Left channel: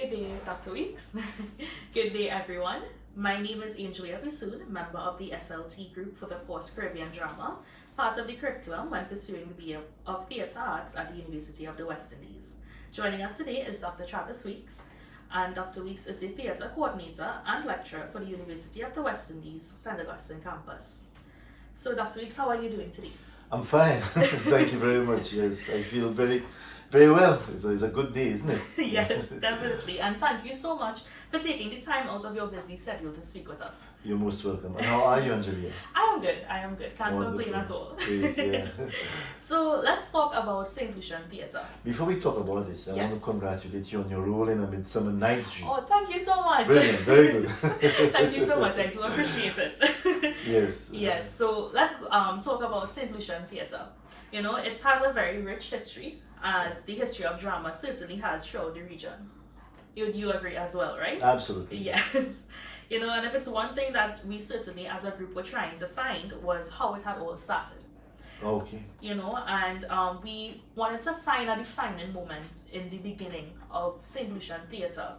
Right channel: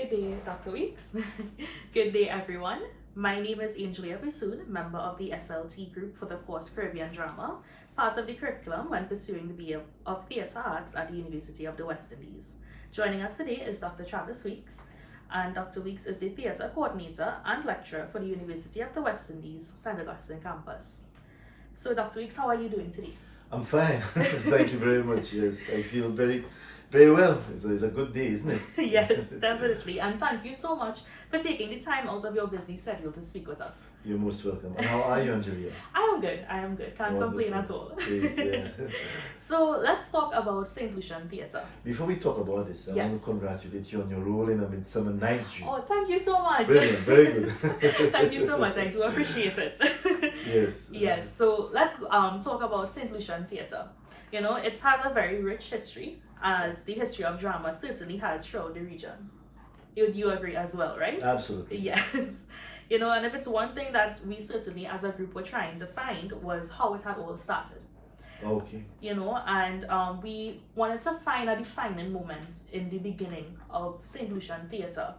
Good day, Dr. Weeks. Good day, everyone. My name is Angelia Bissoon, member of the SLT group for the Post-Caribbean Drama, part of the curriculum when pursuing the BA of Theatre Arts at the University of the West Indies. Joining us today is Dr. Travis Weeks, and Dr. Weeks is the theatre coordinator and lecturer for the University of the West Indies, St. Augustine campus. So, Dr. Weeks, how are you doing today? I'm fine. Thank you very much. Yes, I feel very well. It's a good day, isn't it? Yes, definitely. And thank you so much for taking the time out of your busy schedule to speak with us. You're most welcome. And how are you, Angelia? I am good. Can't complain at all. Great, yeah. So let's talk about St. Lucian Theatre. Before we talk about this, I want to congratulate you on your role in A Midsummer Night's Dream. Oh, thank you so much. Brilliant, very good. Thank you so much. I do appreciate it. Yes. Yes. So let's talk about St. Lucian Theatre. You know, it has a very rich history, as the history of drama certainly has throughout the region. You agree as well, right? Absolutely. Yes. You know, and if it's one thing that we certainly as a group were trying to find was how it had all started. Okay. You know, and we wanted to find a defining moment in the beginning of St. Lucian Theatre.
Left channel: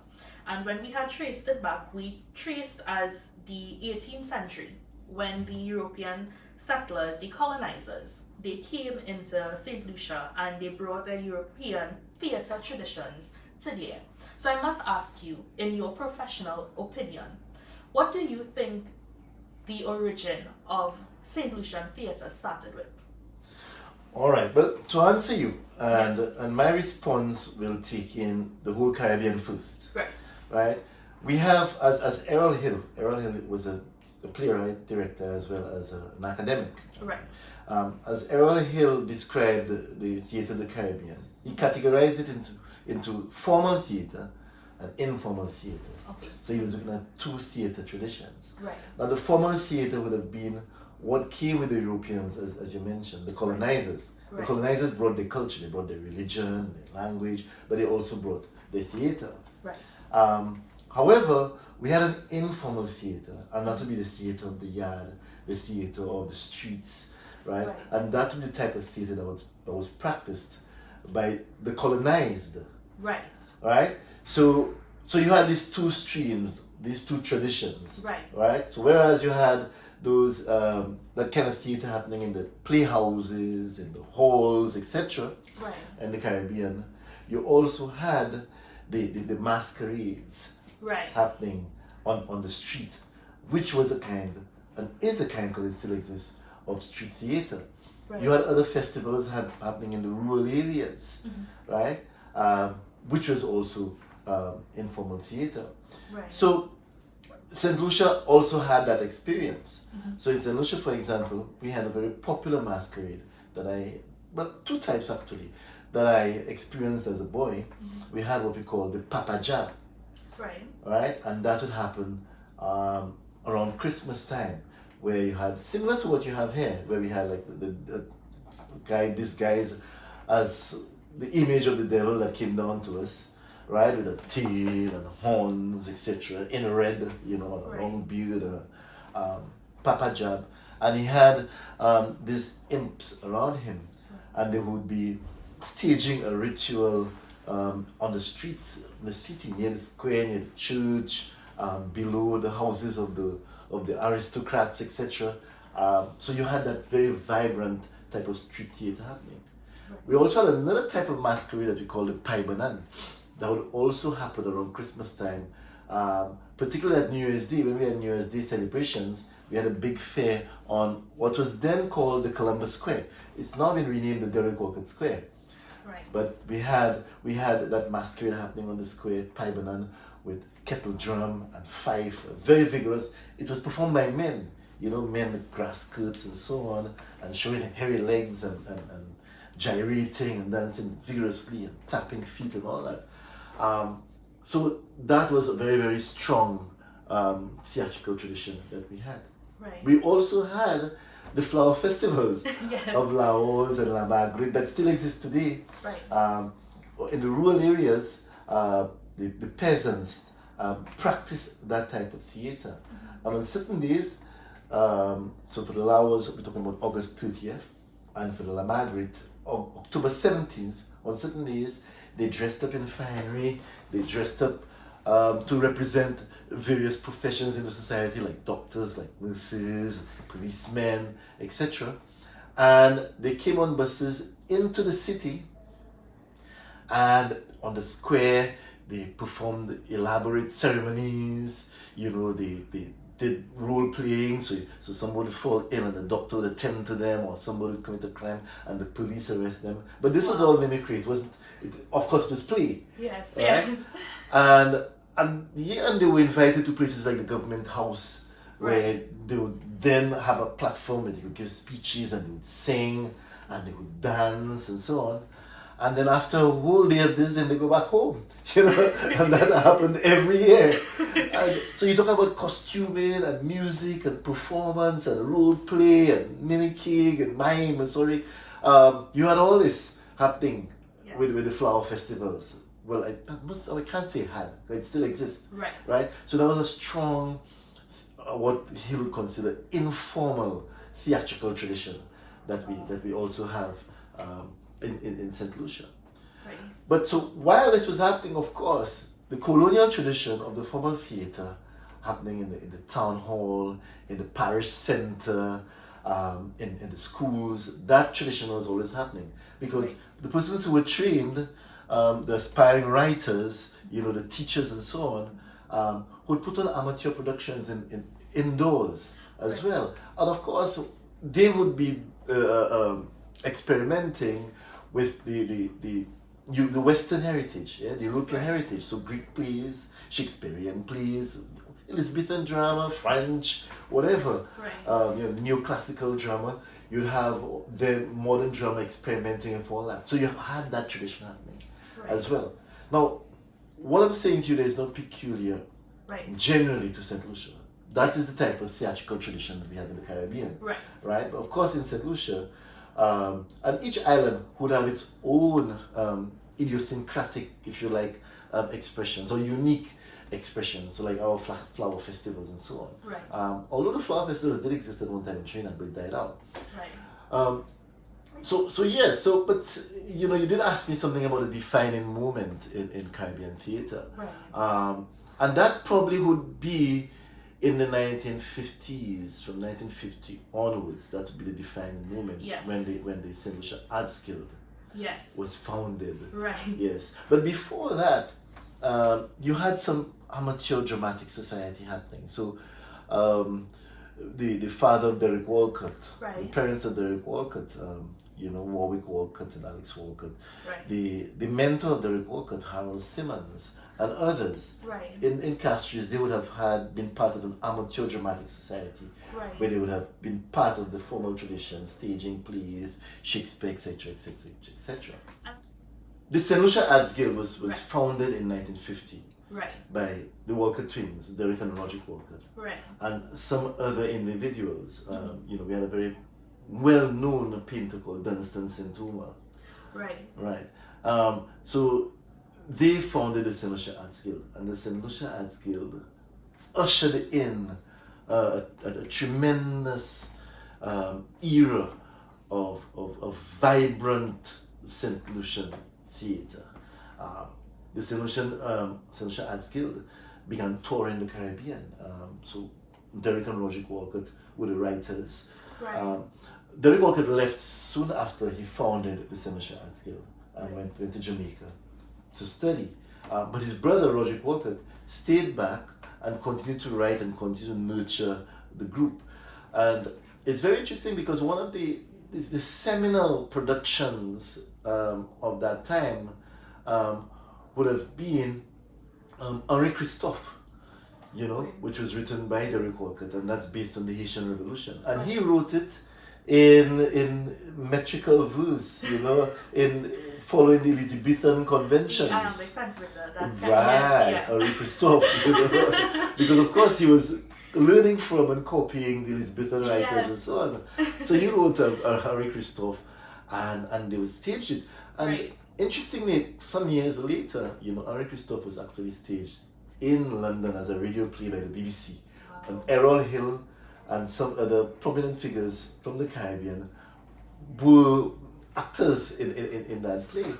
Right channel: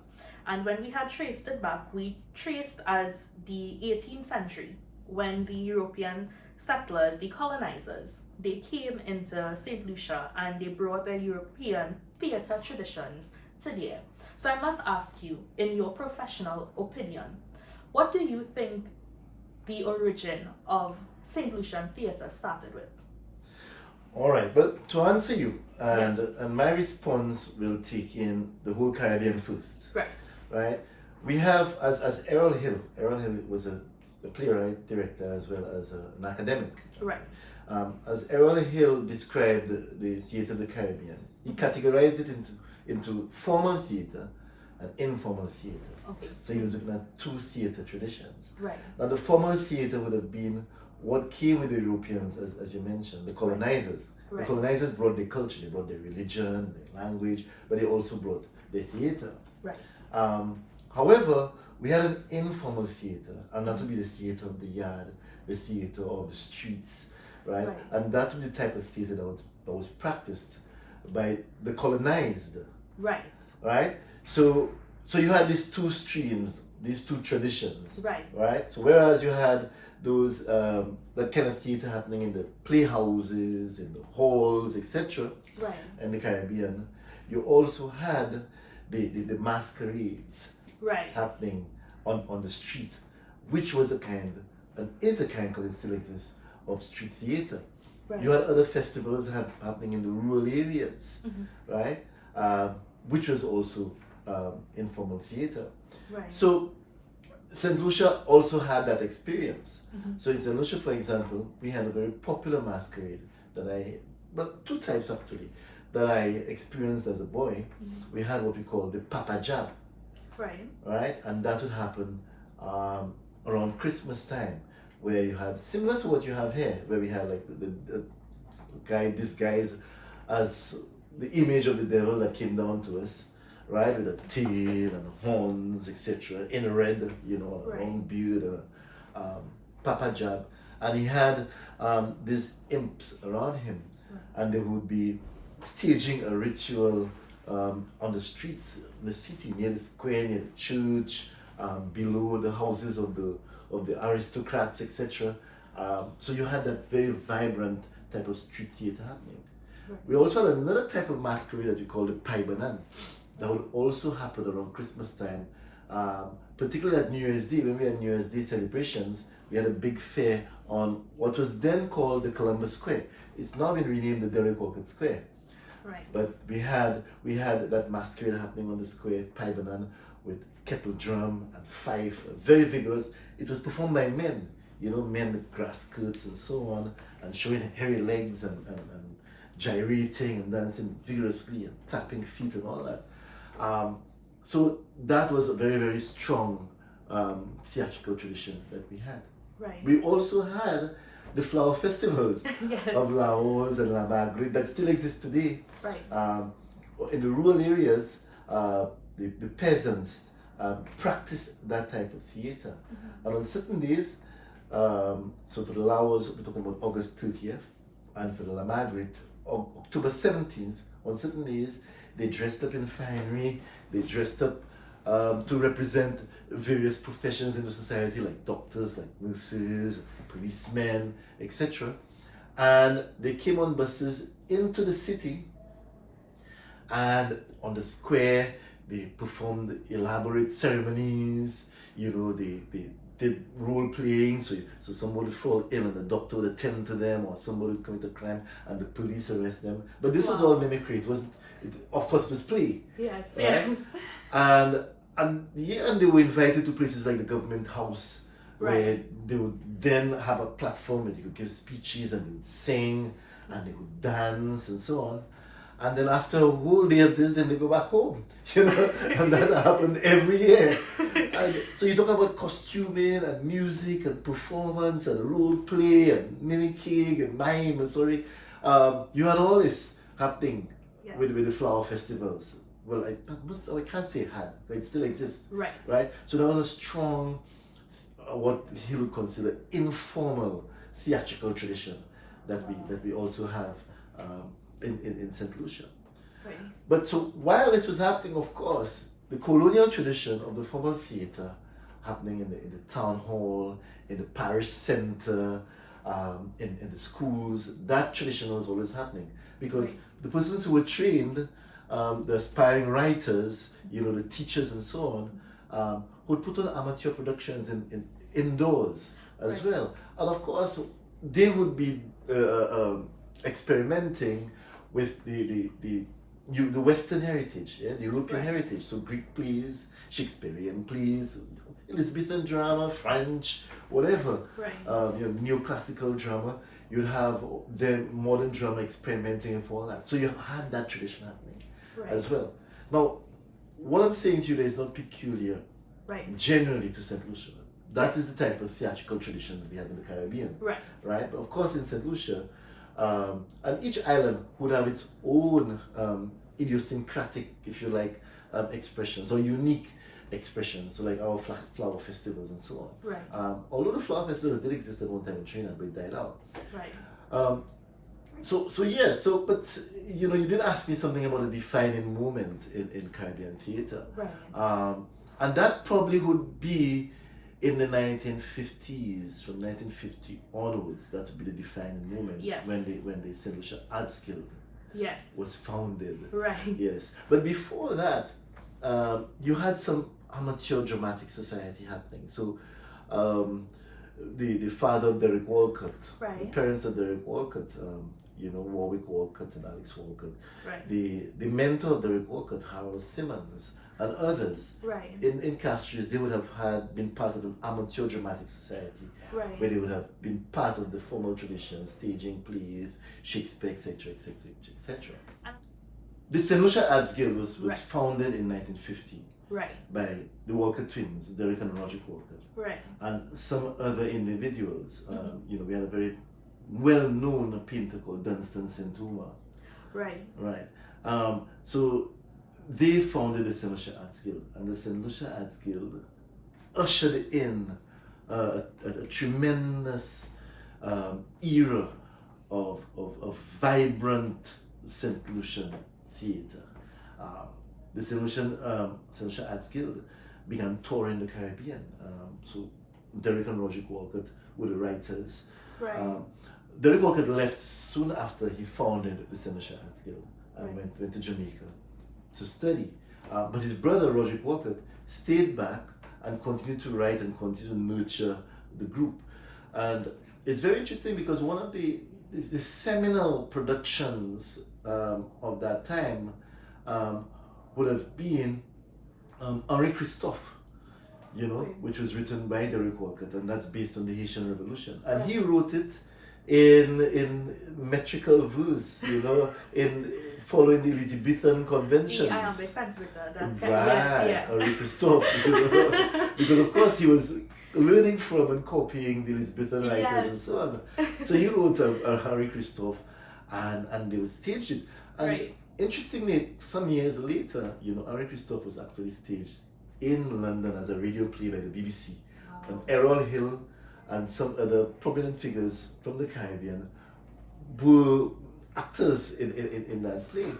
And when we had traced it back, we traced as the 18th century, when the European settlers, the colonizers, they came into St. Lucia and they brought their European theatre traditions to there. So I must ask you, in your professional opinion, what do you think the origin of St. Lucian Theatre started with? All right, but to answer you, and Yes. and my response will take in the whole Caribbean first. Right. Right? We have, as Errol Hill was a playwright, director, as well as an academic. Right. As Errol Hill described the theatre of the Caribbean, he categorized it into formal theatre and informal theatre. Okay. So he was looking at two theatre traditions. Right. Now the formal theatre would have been what came with the Europeans, as you mentioned, the colonizers. Right. The colonizers brought their culture, they brought their religion, their language, but they also brought their theatre. Right. However, we had an informal theatre, and that would be the theatre of the yard, the theatre of the streets, right? Right. And that would be the type of theatre that was practiced by the colonized, Right. right? So you had these two streams, these two traditions, Right. right? So whereas you had those that kind of theatre happening in the playhouses, in the halls, etc., Right. in the Caribbean, you also had the masquerades Right. happening on the street, which was a kind, and is a kind, because it still exists, of street theatre. Right. You had other festivals happening in the rural areas, Mm-hmm. right? Which was also informal theatre. Right. So St. Lucia also had that experience. Mm-hmm. So in St. Lucia, for example, we had a very popular masquerade two types actually, that I experienced as a boy. Mm-hmm. We had what we call the Papa Jab. Right. Right, and that would happen around Christmas time, where you had similar to what you have here, where we had like the guy disguised as the image of the devil that came down to us, right, with a tail and horns, etc., in red, you know, a Right. long beard, and a Papa Jab, and he had these imps around him, and they would be staging a ritual on the streets in the city, near the square, near the church, below the houses of the aristocrats, etc. So you had that very vibrant type of street theatre happening. Right. We also had another type of masquerade that we call the Pai Banan, that would also happen around Christmas time, particularly at New Year's Day. When we had New Year's Day celebrations, we had a big fair on what was then called the Columbus Square. It's now been renamed the Derek Walcott Square. Right. But we had that masquerade happening on the square, Pai Banan, with kettle drum and fife, very vigorous. It was performed by men, you know, men with grass skirts and so on, and showing hairy legs and gyrating and dancing vigorously and tapping feet and all that. So that was a very, very strong theatrical tradition that we had. Right. We also had the flower festivals Yes. of Laos and La Marguerite that still exist today. Right. In the rural areas, the peasants practice that type of theatre. Mm-hmm. And on certain days, so for the Laos, we're talking about August 30th, and for the La Marguerite, October 17th, on certain days, they dressed up in finery, they dressed up to represent various professions in the society, like doctors, like nurses, policemen, etc. And they came on buses into the city, and on the square they performed elaborate ceremonies. They did role playing, so somebody would fall ill and the doctor would attend to them, or somebody would commit a crime and the police arrest them. But this was all mimicry. It wasn't, of course, it was play. Yes, right? yes. And they were invited to places like the government house, where they would then have a platform where they could give speeches and they would sing and they would dance and so on. And then after a whole day of this, then they go back home, and that happened every year. And so you talk about costuming and music and performance and role play and mimicking and mime and you had all this happening with the flower festivals. Well, I can't say had, it still exists. Right? So there was a strong, what he would consider informal theatrical tradition that we also have in St. Lucia. Right. But so while this was happening, of course, the colonial tradition of the formal theatre happening in the town hall, in the parish centre, in the schools, that tradition was always happening. Because the persons who were trained, the aspiring writers, the teachers and so on, would put on amateur productions in indoors as well. And of course, they would be experimenting with the Western heritage, the European heritage. So Greek plays, Shakespearean plays, Elizabethan drama, French, whatever, neoclassical drama. You'd have the modern drama experimenting and all that. So you had that tradition happening as well. Now, what I'm saying to you there is not peculiar generally to St. Lucia. That is the type of theatrical tradition that we have in the Caribbean. Right? But of course in St. Lucia, and each island would have its own idiosyncratic, if you like, expressions or unique expressions, so like our flower festivals and so on. Although the flower festivals did exist at one time in Trinidad, but it died out. But you did ask me something about a defining moment in Caribbean theatre. And that probably would be in the 1950s, from 1950 onwards. That would be the defining moment when the St. Lucia Arts Guild was founded. Yes. But before that, you had some amateur dramatic society happening. So the father of Derek Walcott, the parents of Derek Walcott, Warwick Walcott and Alex Walcott, the mentor of Derek Walcott, Harold Simmons, and others in Castries, they would have been part of an amateur dramatic society where they would have been part of the formal tradition, staging plays, Shakespeare, etc., etc., etc. The St. Lucia Arts Guild was founded in 1950 by the Walcott twins, Derek and Roger Walcott, and some other individuals. We had a very well-known painter called Dunstan Sintoma. So they founded the St. Lucia Arts Guild, and the St. Lucia Arts Guild ushered in a tremendous era of vibrant St. Lucian theatre. The St. Lucia Arts Guild began touring the Caribbean. So Derek and Roger Walcott were the writers. Derek Walcott left soon after he founded the St. Lucia Arts Guild and went to Jamaica to study. But his brother, Roger Walcott, stayed back and continued to write and continued to nurture the group. And it's very interesting because one of the seminal productions of that time would have been Henri Christophe, which was written by Derek Walcott, and that's based on the Haitian Revolution. And he wrote it in metrical verse, in following the Elizabethan conventions. Henri Christophe, because of course he was learning from and copying the Elizabethan writers and so on. So he wrote a Henri Christophe, and they would stage it. And interestingly, some years later, Henri Christophe was actually staged in London as a radio play by the BBC. And Errol Hill and some other prominent figures from the Caribbean were actors in that play.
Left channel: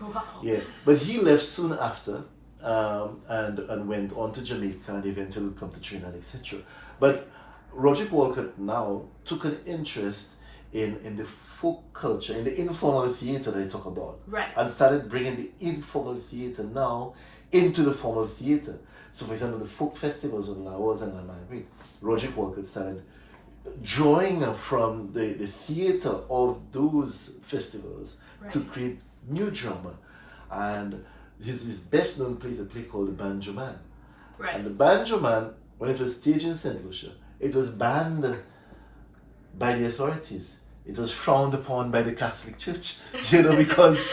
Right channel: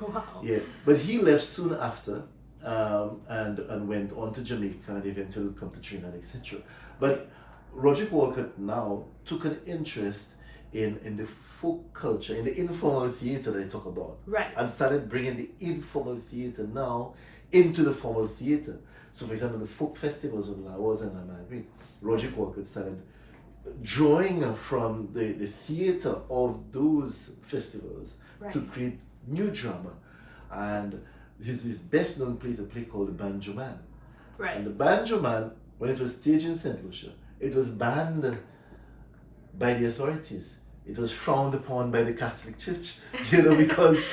But he left soon after, and went on to Jamaica and eventually would come to Trinidad, etc. But Roderick Walcott now took an interest in the folk culture, in the informal theatre that I talk about, Right. and started bringing the informal theatre now into the formal theatre. So, for example, the folk festivals of Laos and Lamagui, Roderick Walcott started drawing from the theatre of those festivals Right. to create new drama. And his best known play is a play called The Banjo Man. Right. And The Banjo Man, when it was staged in St. Lucia, it was banned by the authorities. It was frowned upon by the Catholic Church, because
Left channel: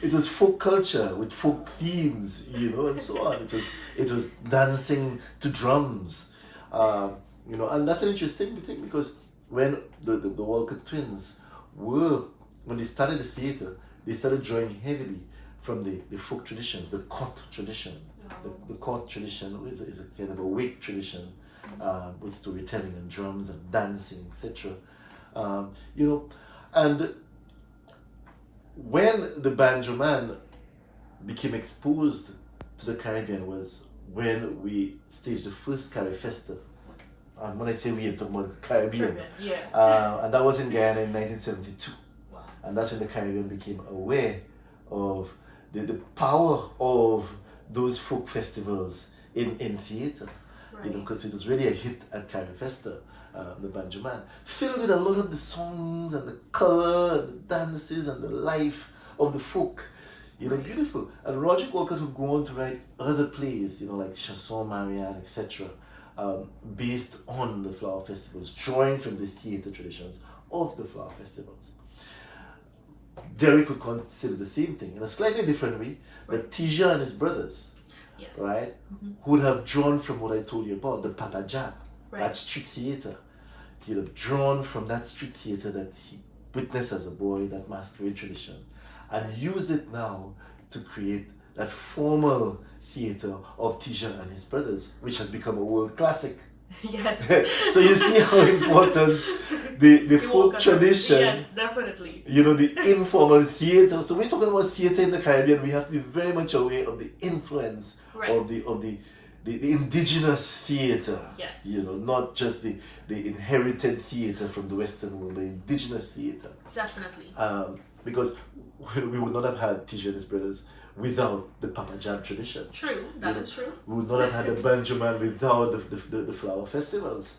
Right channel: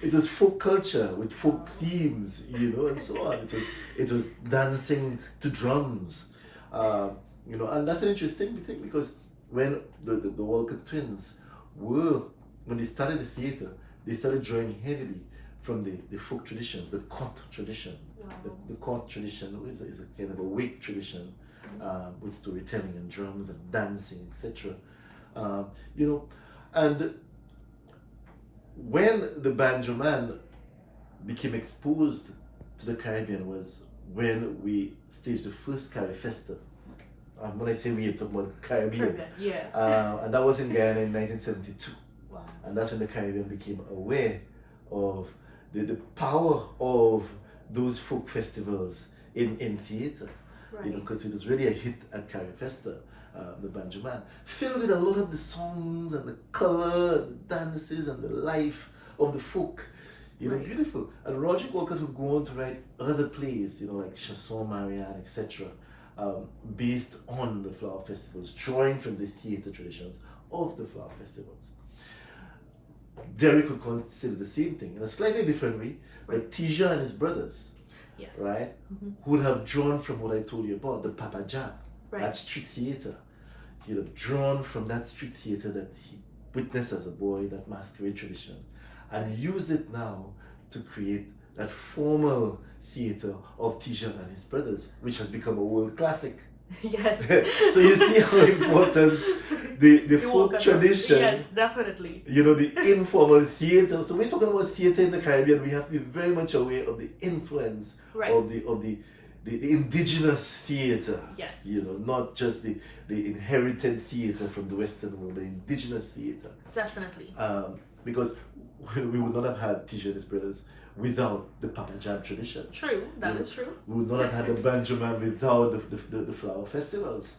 it was folk culture with folk themes, and so on. It was dancing to drums, and that's an interesting thing, because when the Walcott twins when they started the theatre, they started drawing heavily from the folk traditions, the court tradition. The court tradition is a kind of a wake tradition, with storytelling and drums and dancing, etc. And when the Banjo Man became exposed to the Caribbean was when we staged the first Caribbean Festa. And when I say we, I'm talking about the Caribbean. Yeah. And that was in Guyana in 1972. Wow. And that's when the Caribbean became aware of the power of those folk festivals in theatre. Right. Because it was really a hit at Caribbean Festa, the Banjo Man, filled with a lot of the songs and the colour and the dances and the life of the folk. Right. Beautiful. And Roderick Walcott would go on to write other plays, like Chanson Marianne, etc., based on the flower festivals, drawing from the theatre traditions of the flower festivals. Derek would consider the same thing in a slightly different way, but Tija and his brothers, Yes. right, Mm-hmm. would have drawn from what I told you about, the Papa Jab, Right. that street theatre. He'd have drawn from that street theatre that he witnessed as a boy, that masquerade tradition, and used it now to create that formal theatre of Tija and his brothers, which has become a world classic. Yes. So you see how important the folk Walcott- tradition, Yes, definitely. the informal theatre. So when we're talking about theatre in the Caribbean, we have to be very much aware of the influence Right. of the indigenous theatre. Yes. Not just the inherited theatre from the Western world, the indigenous theatre. Definitely. Because we would not have had Tija and his brothers without the Papa Jam tradition. True. That is true. We would not have had the Banjo Man without the flower festivals.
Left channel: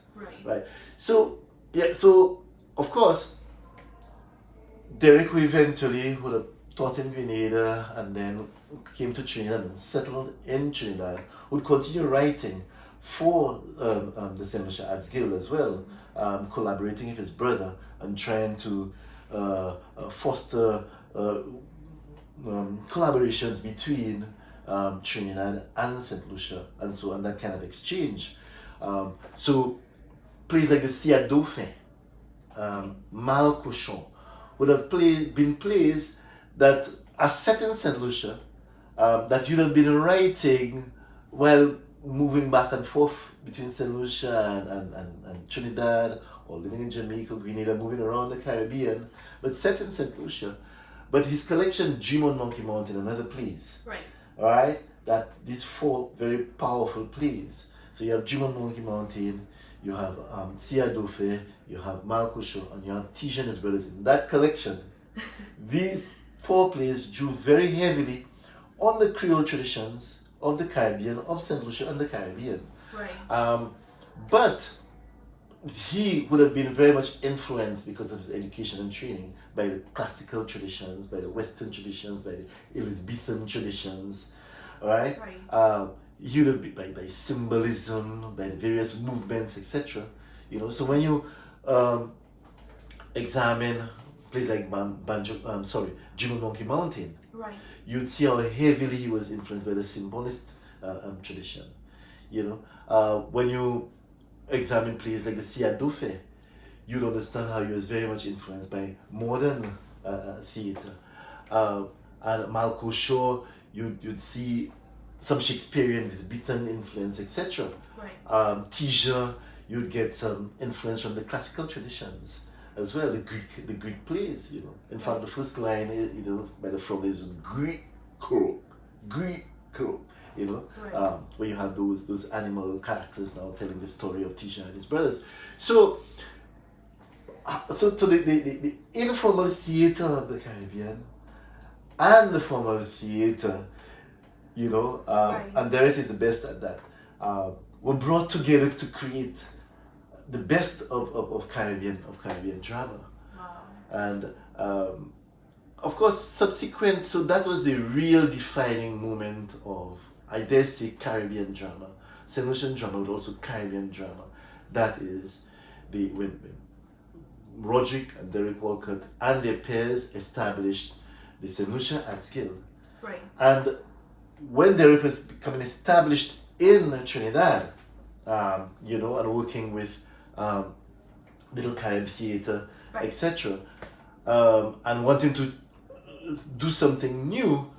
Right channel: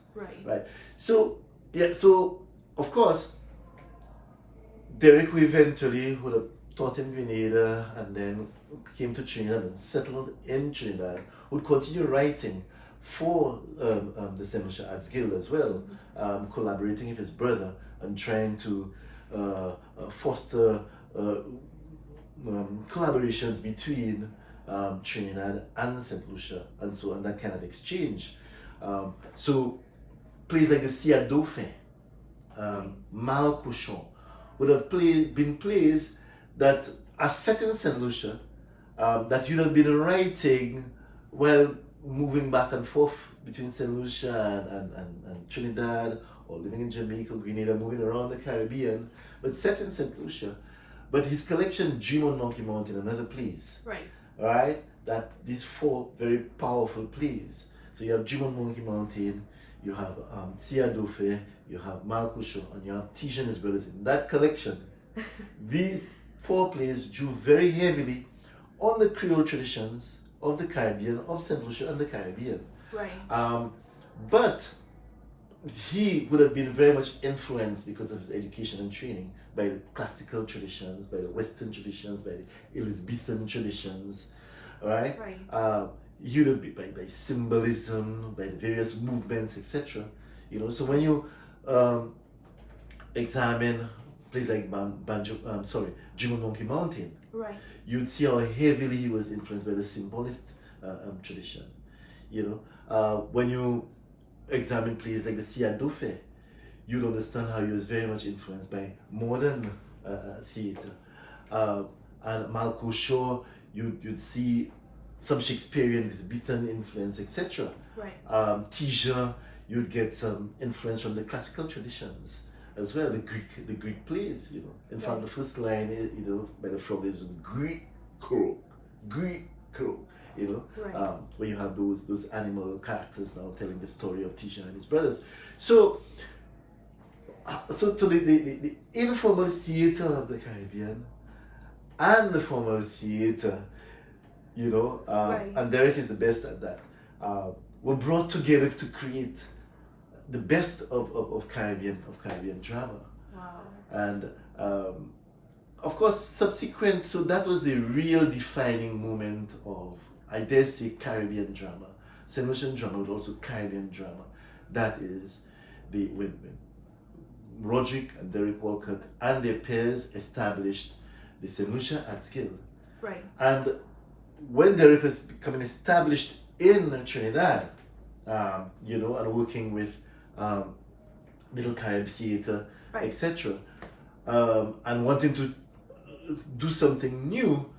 Right. So of course, Derek, who eventually would have taught in Grenada and then came to Trinidad and settled in Trinidad, would continue writing for the St. Lucia Arts Guild as well, collaborating with his brother and trying to foster collaborations between Trinidad and St. Lucia, and so on, that kind of exchange. So plays like the Sia Dauphin, Mal Cochon, would have been plays that are set in St. Lucia, that you'd have been writing while moving back and forth between St. Lucia and Trinidad, or living in Jamaica, Grenada, moving around the Caribbean, but set in St. Lucia. But his collection, Dream on Monkey Mountain, another plays. Right? That these four very powerful plays. So you have Dream on Monkey Mountain, you have Sia Dauphin, you have Mal Cochon, and you have Tija and his brothers. In that collection, these four plays drew very heavily on the Creole traditions of the Caribbean, of St. Lucia and the Caribbean. Right. But he would have been very much influenced because of his education and training by the classical traditions, by the Western traditions, by the Elizabethan traditions, right? He would have been by symbolism, by the various movements, etc. So when you examine places like Dream on Monkey Mountain, Right. you'd see how heavily he was influenced by the symbolist tradition. When you examine plays like the Sia Dauphin, you'd understand how he was very much influenced by modern theatre. And Mal Cochon, you'd see some Shakespearean, Elizabethan influence, etc. Right. Tija, you'd get some influence from the classical traditions as well, the Greek plays. In fact, the first line, by the frog is Greek. Crow, you know, Right. where you have those animal characters now telling the story of Tisha and his brothers. So, the informal theater of the Caribbean and the formal theater, you know, Right. and Derek is the best at that, were brought together to create the best of Caribbean drama. Wow. And of course, subsequent, so that was the real defining moment of, I dare say, Caribbean drama. St. Lucian drama, but also Caribbean drama. That is when Roderick and Derek Walcott and their peers established the St. Lucia Arts Guild. Right. And when Derek was becoming established in Trinidad, you know, and working with Little Carib Theatre, Right. etc., and wanting to do something new,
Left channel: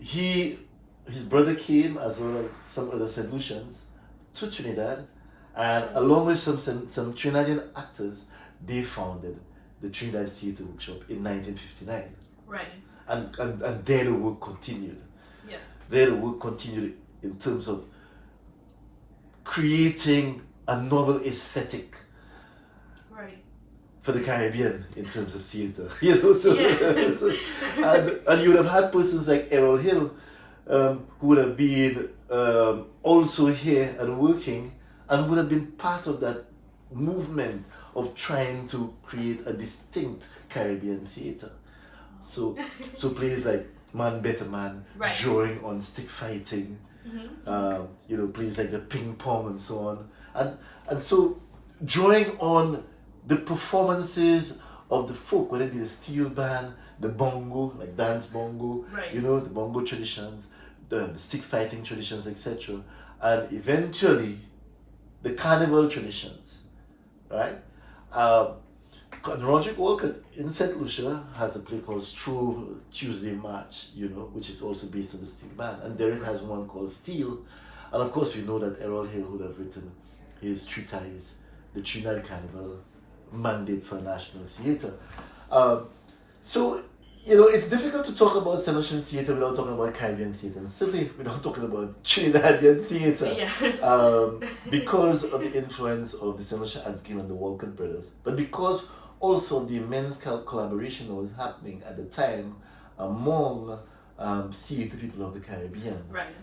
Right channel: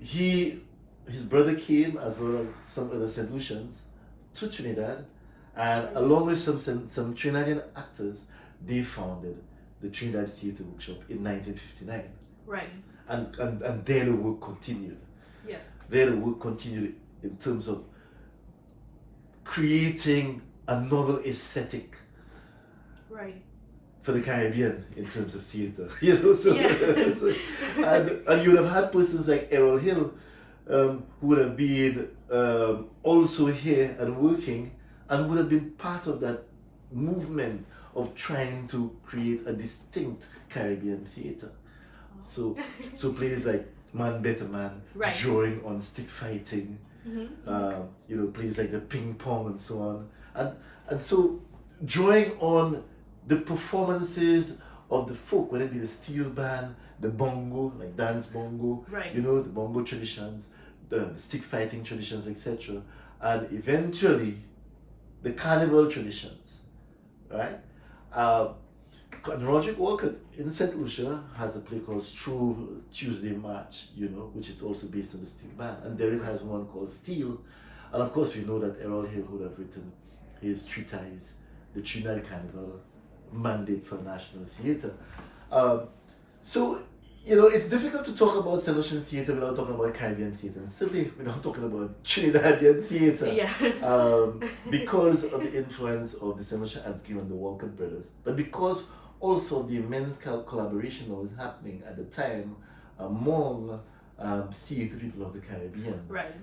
his brother came, as well as some other St. Lucians, to Trinidad, and along with some Trinidadian actors, they founded the Trinidad Theatre Workshop in 1959. Right. And there the work continued. Yeah. There the work continued in terms of creating a novel aesthetic Right. for the Caribbean in terms of theatre. You know, so, Yeah. and you would have had persons like Errol Hill, who would have been also here and working, and would have been part of that movement of trying to create a distinct Caribbean theatre. So plays like Man Better Man, Right. drawing on stick fighting, you know, plays like the ping pong and so on, and so drawing on the performances of the folk, whether it be the steel band, the bongo, like dance bongo, Right. you know, the bongo traditions, the stick fighting traditions, etc., and eventually the carnival traditions, right? And Roderick Walcott in St. Lucia has a play called Strove Tuesday March, you know, which is also based on the steel band. And Derek has one called Steel. And of course, we know that Errol Hill would have written his treatise, The Trinidad Carnival, Mandate for National Theatre. So, you know, it's difficult to talk about St. Lucian theatre without talking about Caribbean theatre, and certainly without talking about Trinidadian theatre. Yes. Because of the influence of the St. Lucia Arts Guild and the Walcott brothers, but because also the immense collaboration that was happening at the time among theatre people of the Caribbean. Right.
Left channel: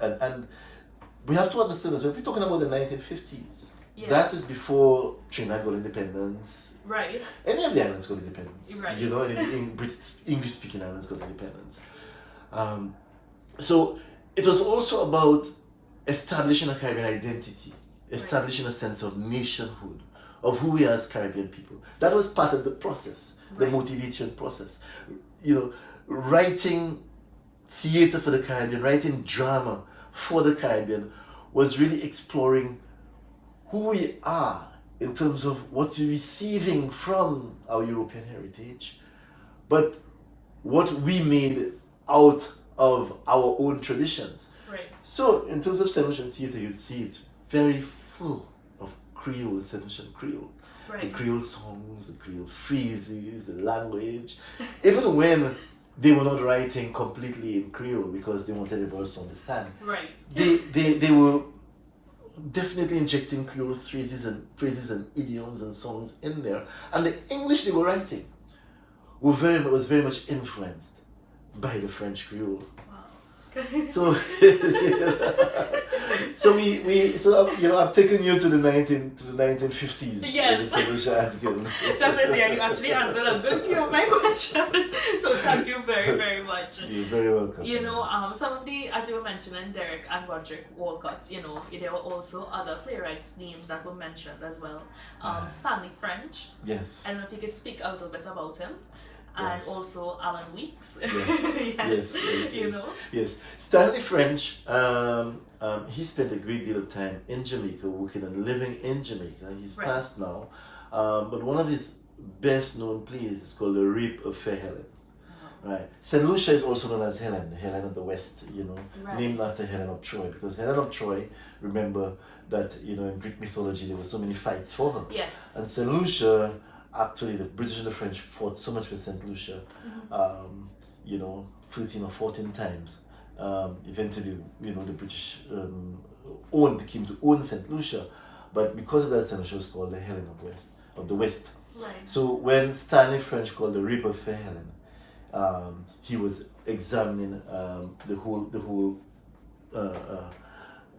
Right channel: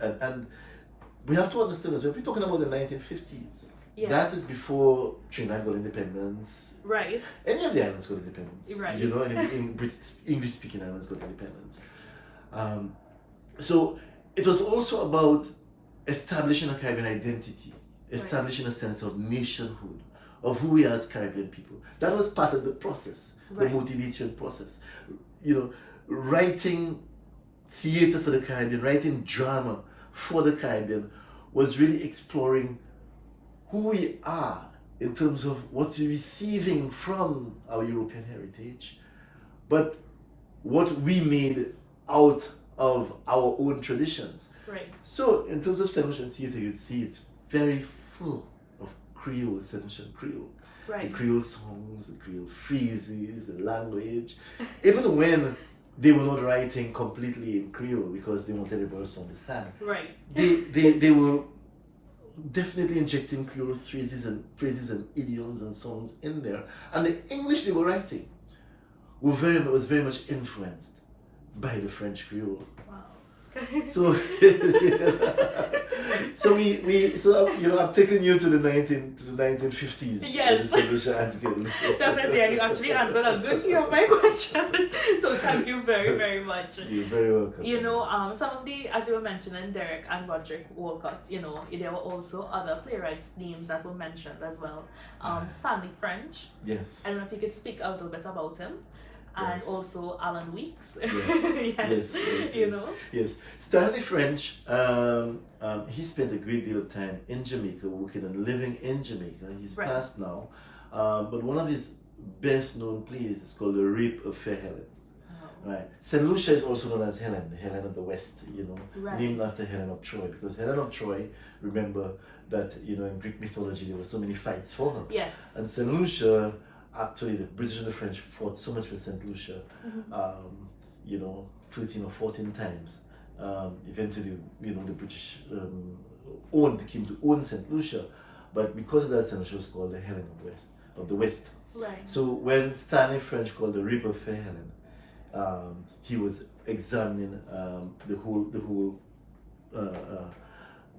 And we have to understand as well, if we're talking about the 1950s, Yeah. that is before Trinidad got independence. Right. Any of the islands got independence. Right. You know, any English-speaking islands got independence. So it was also about establishing a Caribbean identity, establishing a sense of nationhood, of who we are as Caribbean people. That was part of the process, the Right. motivation process. You know, writing theatre for the Caribbean, writing drama for the Caribbean was really exploring who we are in terms of what we're receiving from our European heritage, but what we made out of our own traditions. Right. So, in terms of St. Lucian theatre, you'd see it's very full of Creole, St. Lucian Creole. The Right. Creole songs, the Creole phrases, the language. Even when they were not writing completely in Creole because they wanted everybody else to understand, Right. they were definitely injecting Creole phrases and idioms and songs in there. And the English they were writing was very much influenced by the French Creole. Wow. So, so you know, I've taken you to the 1950s. Yes. The St. Lucia Arts Guild. Definitely, and you actually answered a good few of my questions. So thank you very, very much. You're very welcome. You know, some of the, as you were mentioning, Derek and Roderick Walcott, you know, there were also other playwrights' names that were mentioned as well. Stanley French. Yes. I don't know if you could speak a little bit about him. And Yes. also Alan Weeks. Yes. You know? Yes. Stanley French, he spent a great deal of time in Jamaica, working and living in Jamaica. He's Right. passed now. But one of his best known plays is called The Rape of Fair Helen. Right. St. Lucia is also known as Helen, the Helen of the West, you know, Right. named after Helen of Troy, because Helen of Troy, remember that, you know, in Greek mythology there were so many fights for her. Yes. And St. Lucia, actually the British and the French fought so much for St. Lucia, you know, 13 or 14 times Eventually, you know, the British came to own St. Lucia, but because of that, St. Lucia was called the Helen of the West. Right. So when Stanley French called the Rape of Fair Helen, he was examining the whole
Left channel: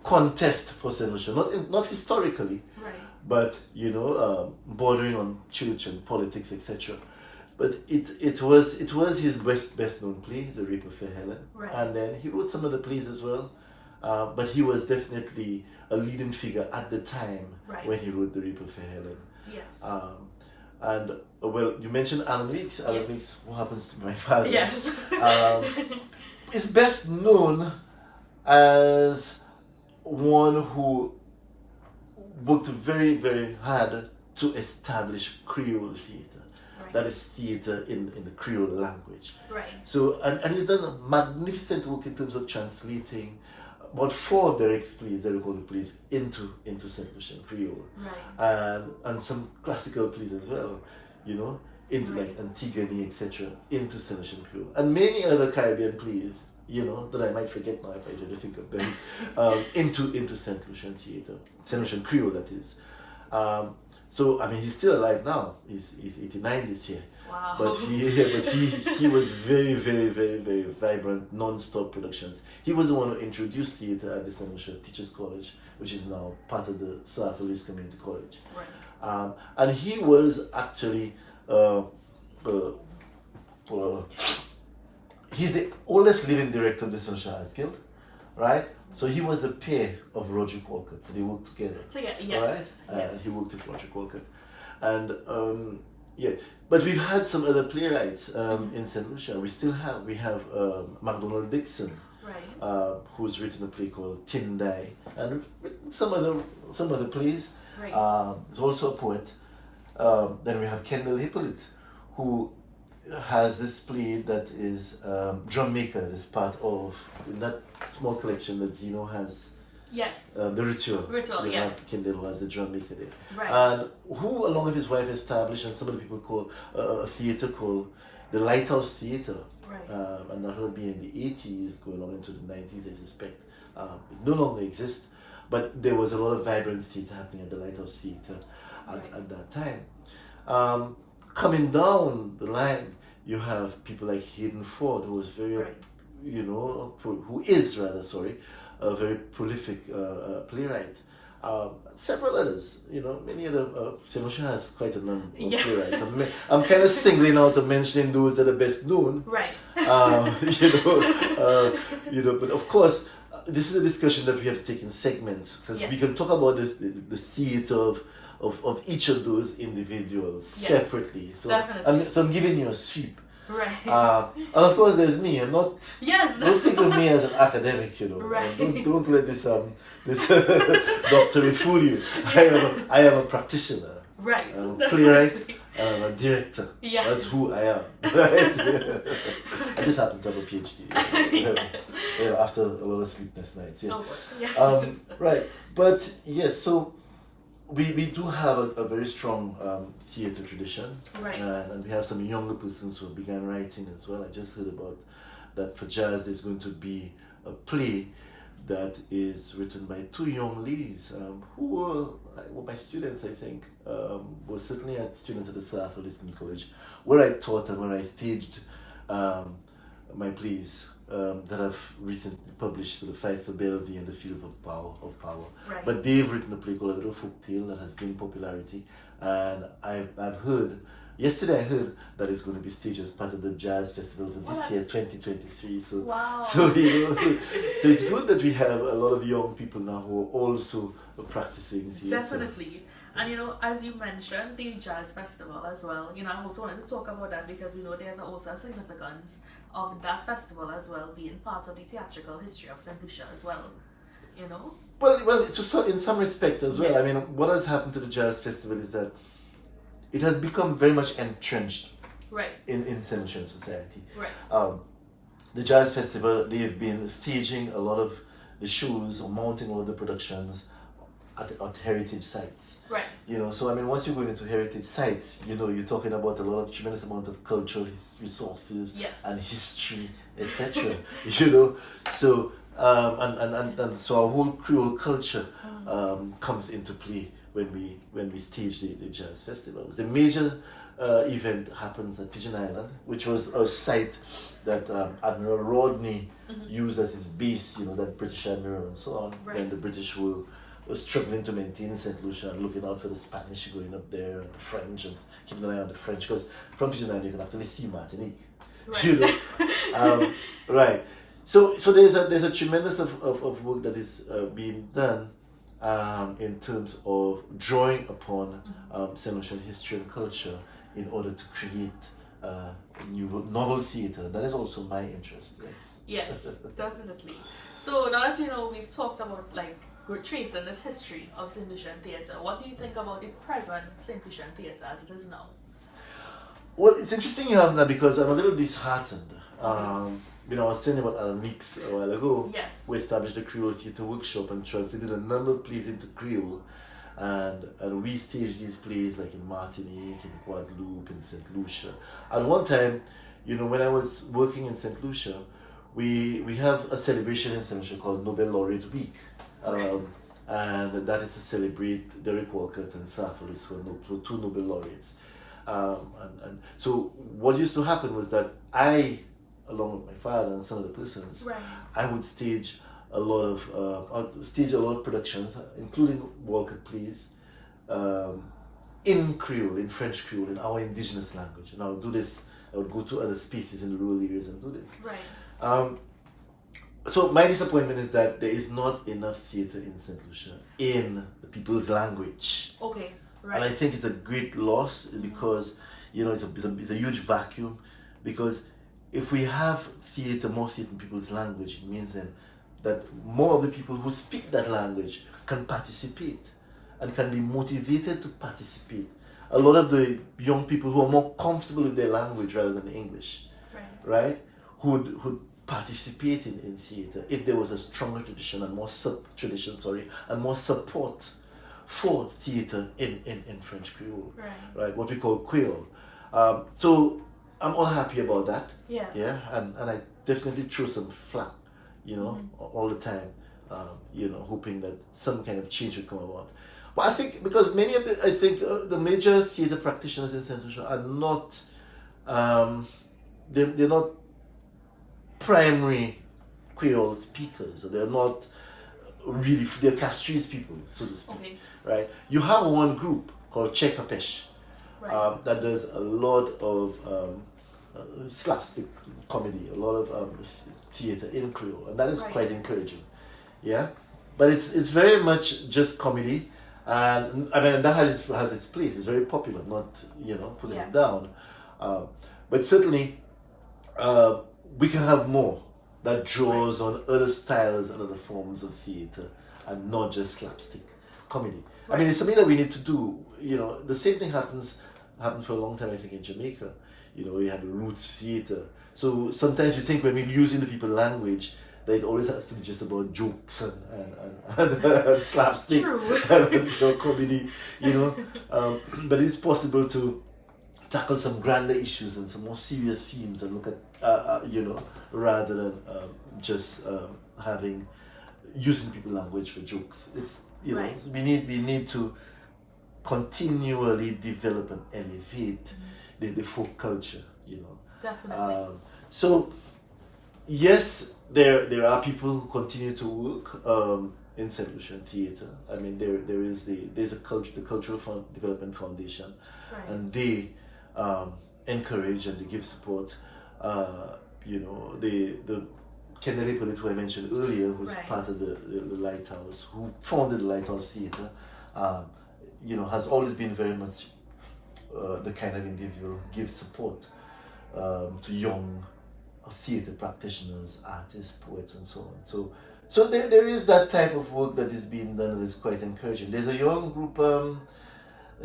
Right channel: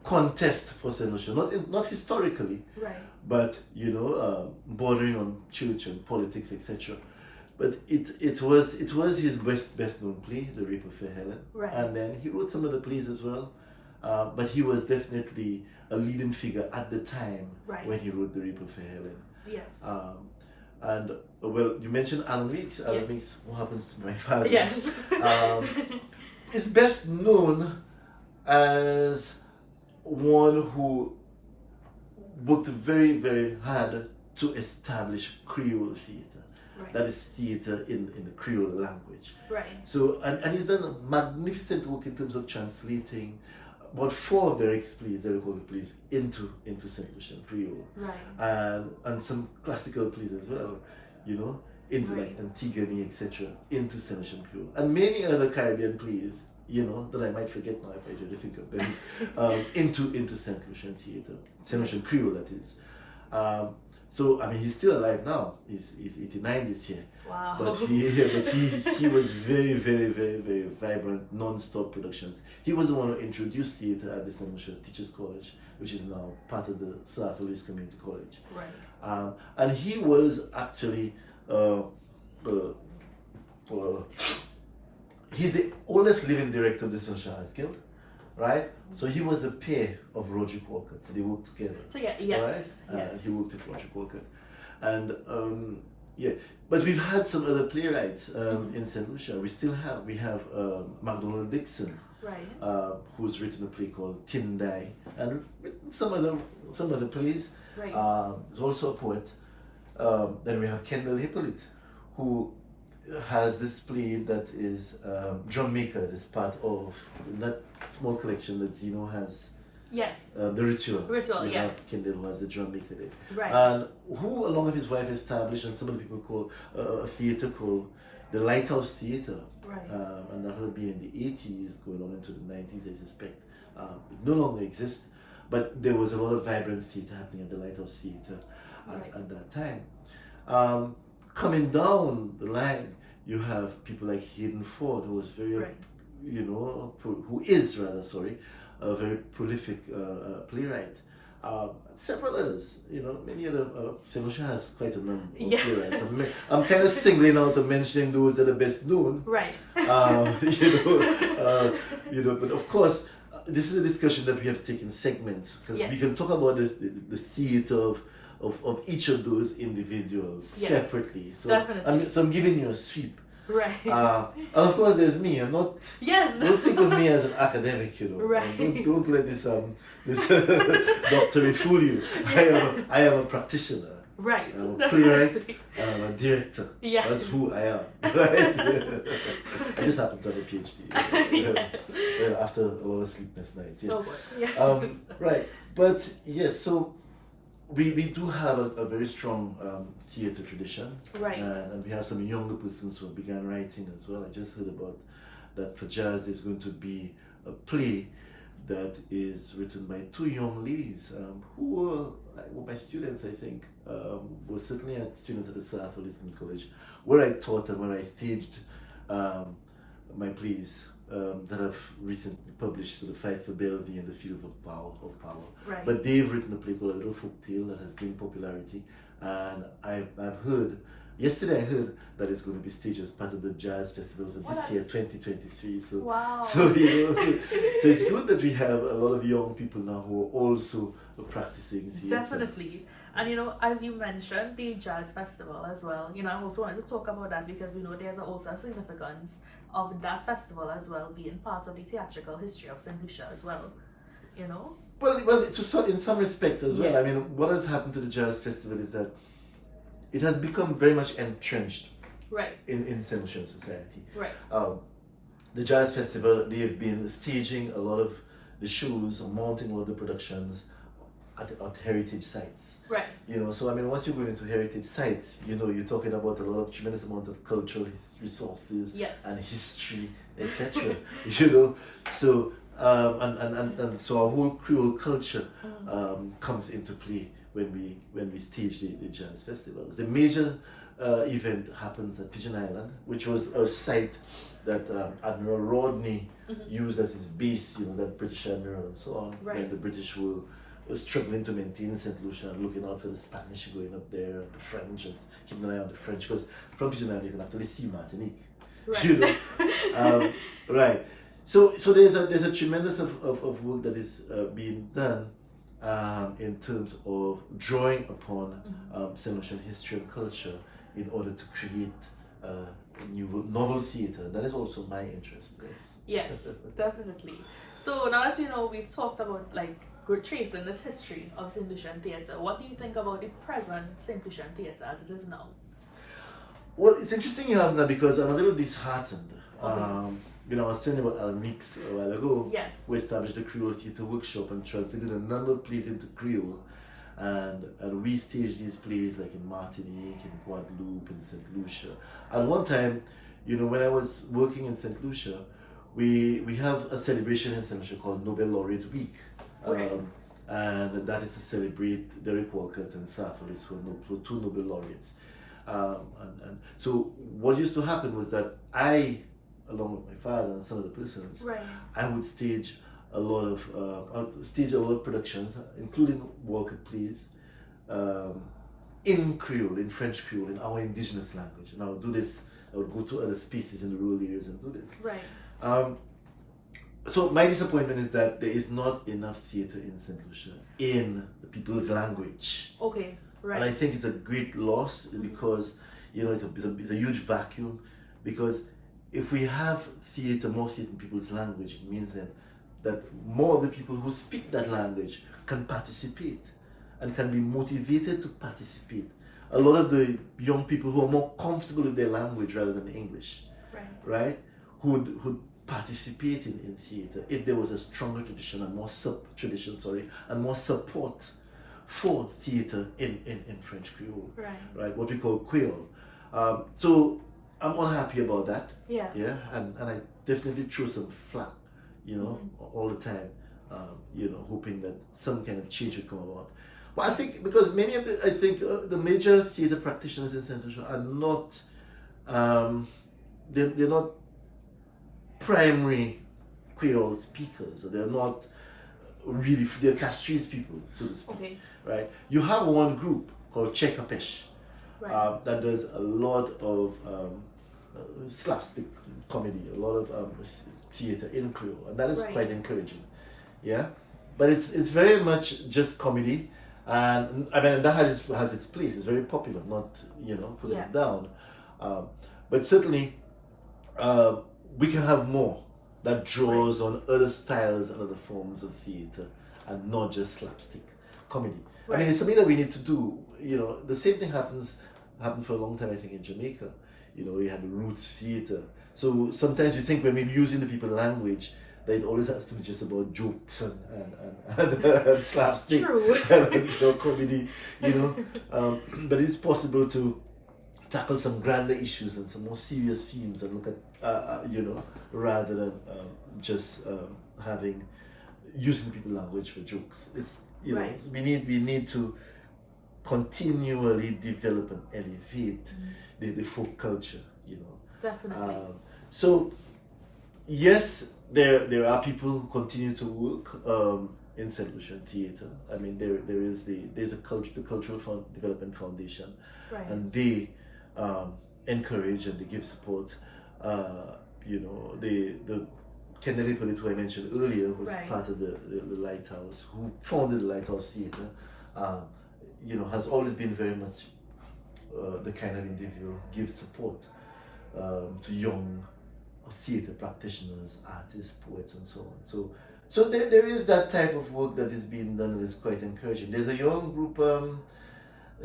contest for St. Lucia, not historically, Right. but you know, bordering on church and politics, etc. But it was his best known play, The Rape of Fair Helen, Right. and then he wrote some other plays as well. But he was definitely a leading figure at the time Right. when he wrote The Rape of Fair Helen. Yes. And well, you mentioned Alan Weeks. Alan Yes. Weeks, what happens to my father? Yes. Is best known as one who worked very, very hard to establish Creole theatre. Right. That is theatre in the Creole language. Right. So, and he's done a magnificent work in terms of translating about 4 of Derek's plays, Derek Hall plays, into St. Lucian Creole. Right. And some classical plays as well, you know, into Right. like Antigone, etc., into St. Lucian Creole. And many other Caribbean plays, you know, that I might forget now if I try to think of them, into St. Lucian Theatre, St. Lucian Creole, that is. So, I mean, he's still alive now. He's 89 this year. Wow. But he was very, very, very, very vibrant, non-stop productions. He was the one who introduced theatre at the St. Lucia Teachers College, which is now part of the South Police Community College. Right. And he was actually he's the oldest living director of the St. Lucia Arts Guild, right? So he was the peer of Roger Walcott. So they worked together. Yes. Right? Yes. And he worked with Roger Walcott. And yeah, but we've had some other playwrights in St. Lucia. We have MacDonald Dixon, Right. who's written a play called Tindai, and some other plays. Right. He's also a poet. Then we have Kendall Hippolyte, who has this play that is Drum Maker, that is part of in that small collection that Zeno has. Yes. The Ritual. Ritual, We yeah. have Kendall, who has the Drum Maker there. Right. And who, along with his wife, established, and some of the people call a theatre called the Lighthouse Theatre. Right. And that would have been in the 80s, going on into the 90s, I suspect. It no longer exists, but there was a lot of vibrant theatre happening at the Lighthouse Theatre at that time. Coming down the line, you have people like Hayden Ford, who was very, Right. you know, who is rather, sorry, a very prolific playwright. Several others, you know, many other. St. Lucia has quite a number of Yes. playwrights. I'm kind of singling out and mentioning those that are best known. Right. You know, but of course, this is a discussion that we have to take in segments, because we Yes. can talk about the theatre of each of those individuals Yes. separately. So, Definitely. so I'm giving you a sweep. Right. And of course, there's me. I'm not. Yes. Don't think of me as an academic, you know. Right. Don't let this doctorate fool you. I am a practitioner. Right. I'm a playwright. I'm a director. Yes. That's who I am. Right? I just happen to have a Ph.D. After a lot of sleepless nights. Yeah. Oh gosh. Yes. Right. But yes, so we do have a very strong theatre tradition. Right. And we have some younger persons who began writing as well. I just heard about that for jazz there's going to be a play that is written by 2 young ladies who were my students, I think. Were certainly students at the South Police College, where I taught and where I staged my plays that I've recently published, to the Fight for Bellevue and the Field of Power. Right. But they've written a play called A Little Folktale that has gained popularity, and I've heard, yesterday I heard that it's going to be staged as part of the Jazz Festival for this year, 2023. So, Wow. so you know, so it's good that we have a lot of young people now who are also practicing theatre. Definitely. And you know, as you mentioned, the Jazz Festival as well, you know, I also wanted to talk about that because we know there's also a significance of that festival as well being part of the theatrical history of St. Lucia as well, you know? Well, in some respect as well. Yeah. I mean, what has happened to the Jazz Festival is that it has become very much entrenched Right. in St. Lucian society. Right. The Jazz Festival, they have been staging a lot of the shows or mounting all of the productions at heritage sites. Right. You know, so I mean, once you go into heritage sites, you know, you're talking about a lot of tremendous amount of cultural resources Yes. and history, etc. You know, so and so our whole Creole culture comes into play when we stage the jazz festivals. The major event happens at Pigeon Island, which was a site that Admiral Rodney used as his base. You know, that British admiral and so on, Right. when the British were struggling to maintain St. Lucia and looking out for the Spanish going up there and the French and keeping an eye on the French, because from Pigeon Island you can actually see Martinique. Right. You know? Right. So there's a tremendous of work that is being done in terms of drawing upon St. Lucian history and culture in order to create new novel theatre. That is also my interest. Yes. Yes, definitely. So now that you know we've talked about like good tracing this history of St. Lucian theatre, what do you think about the present St. Lucian theatre as it is now? Well, it's interesting you have that because I'm a little disheartened. You know, I was telling you about Alan Weeks a while ago. Yes. We established the Creole Theatre Workshop and translated a number of plays into Creole. And we staged these plays like in Martinique, in Guadeloupe, in St. Lucia. At one time, you know, when I was working in St. Lucia, we have a celebration in St. Lucia called Nobel Laureate Week. And that is to celebrate Derek Walcott and Safaris, who are two Nobel laureates. And so what used to happen was that I, along with my father and some of the persons, I would stage a lot of productions, including Walcott plays, in Creole, in French Creole, in our indigenous language. And I would do this. I would go to other spaces in the rural areas and do this. Right. So my disappointment is that there is not enough theatre in St. Lucia in the people's language. Okay. Right. And I think it's a great loss because, you know, it's a huge vacuum, because if we have theatre, more theatre in people's language, it means then that more of the people who speak that language can participate and can be motivated to participate. A lot of the young people who are more comfortable with their language rather than English, right, would participate in theatre if there was a stronger tradition and more support for theatre in French Creole, right? What we call Creole. So I'm unhappy about that. Yeah, and I definitely throw some flack, you know, all the time, you know, hoping that some kind of change would come about. But I think because many of the major theatre practitioners in St. Lucia are not, they're not primary Creole speakers. They're not really, they're Castries people, so to speak. Right? You have one group called Chekapesh that does a lot of slapstick comedy, a lot of theatre in Creole, and that is quite encouraging. Yeah, but it's very much just comedy, and I mean that has its place. It's very popular, not, you know, putting it down, but certainly we can have more that draws on other styles and other forms of theatre and not just slapstick comedy. I mean, it's something that we need to do. You know, the same thing happened for a long time, I think, in Jamaica. You know, we had the roots theatre. So sometimes you think when we're using the people's language, that it always has to be just about jokes and slapstick and comedy, you know. But it's possible to tackle some grander issues and some more serious themes and look at, you know, rather than just using the people's language for jokes. It's, you know, we need to continually develop and elevate the folk culture, you know. Definitely. So yes, there are people who continue to work in St. Lucian Theatre. I mean, there's the Cultural Development Foundation, and they encourage and they give support. You know, the Kennedy Pollitt, who I mentioned earlier, who's part of the Lighthouse, who founded the Lighthouse Theatre, you know, has always been very much the kind of individual who gives support to young theatre practitioners, artists, poets, and so on. So there is that type of work that is being done and is quite encouraging. There's a young group, a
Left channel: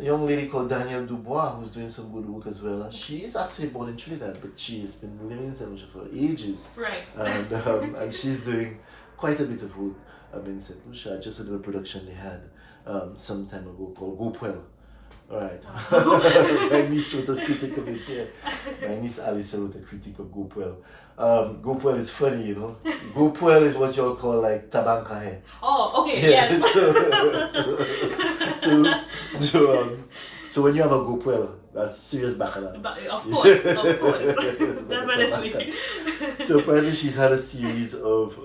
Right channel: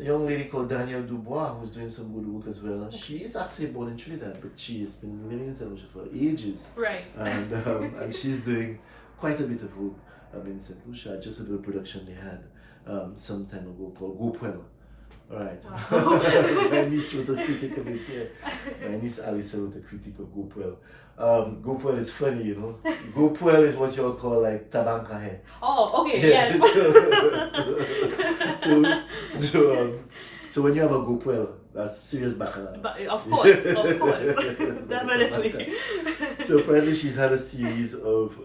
young lady called Danielle Dubois, who's doing some good work as well. She is actually born in Trinidad, but she's been living in St. Lucia for ages. And she's doing quite a bit of work in St. Lucia. Just a little production they had some time ago called Gopwell. Right. Wow. My niece wrote a critic of it here. My niece Alice wrote a critic of Gopwell. Gopwell is funny, you know. Gopwell is what you'll call like tabankahe. Oh, okay, Yeah. yes. So when you have a Gopwell, that's serious baccarat. But of course, definitely. So apparently she's had a series of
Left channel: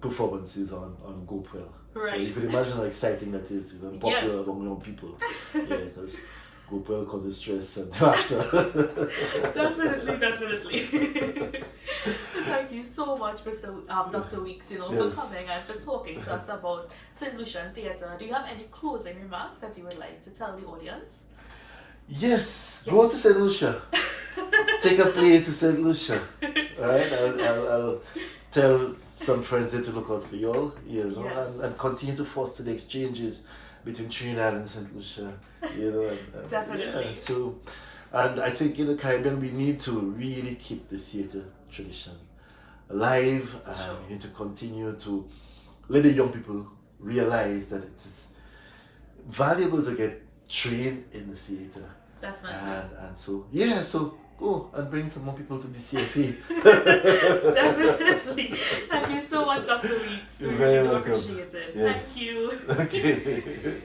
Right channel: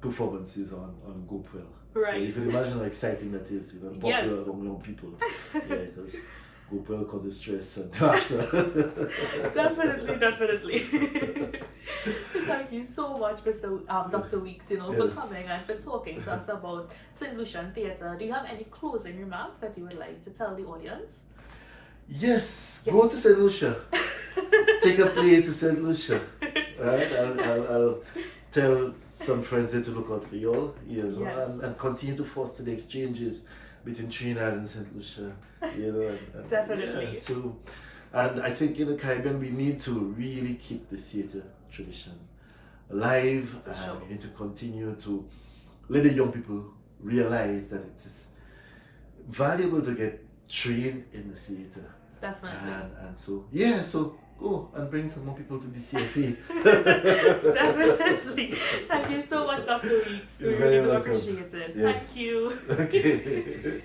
performances on Gopwell. Right. So you can imagine how exciting that is, even popular Yes. among young people. Yeah, because Gopwell causes stress and laughter. Definitely. Thank you so much, Dr. Weeks, Yes. for coming and for talking to us about St. Lucian Theatre. Do you have any closing remarks that you would like to tell the audience? Yes, go to St. Lucia. Take a play to St. Lucia. Alright, I'll tell some friends there to look out for y'all, Yes. and continue to foster the exchanges between Trinidad and St. Lucia, and Definitely. Yeah, so, and I think in the Caribbean we need to really keep the theatre tradition alive, and Sure. we need to continue to let the young people realize that it is valuable to get trained in the theatre. Definitely. And so go and bring some more people to DCFA. Definitely. Thank you so much, Dr. Weeks. We You're really very do welcome. appreciate it. Yes. Thank you. Okay.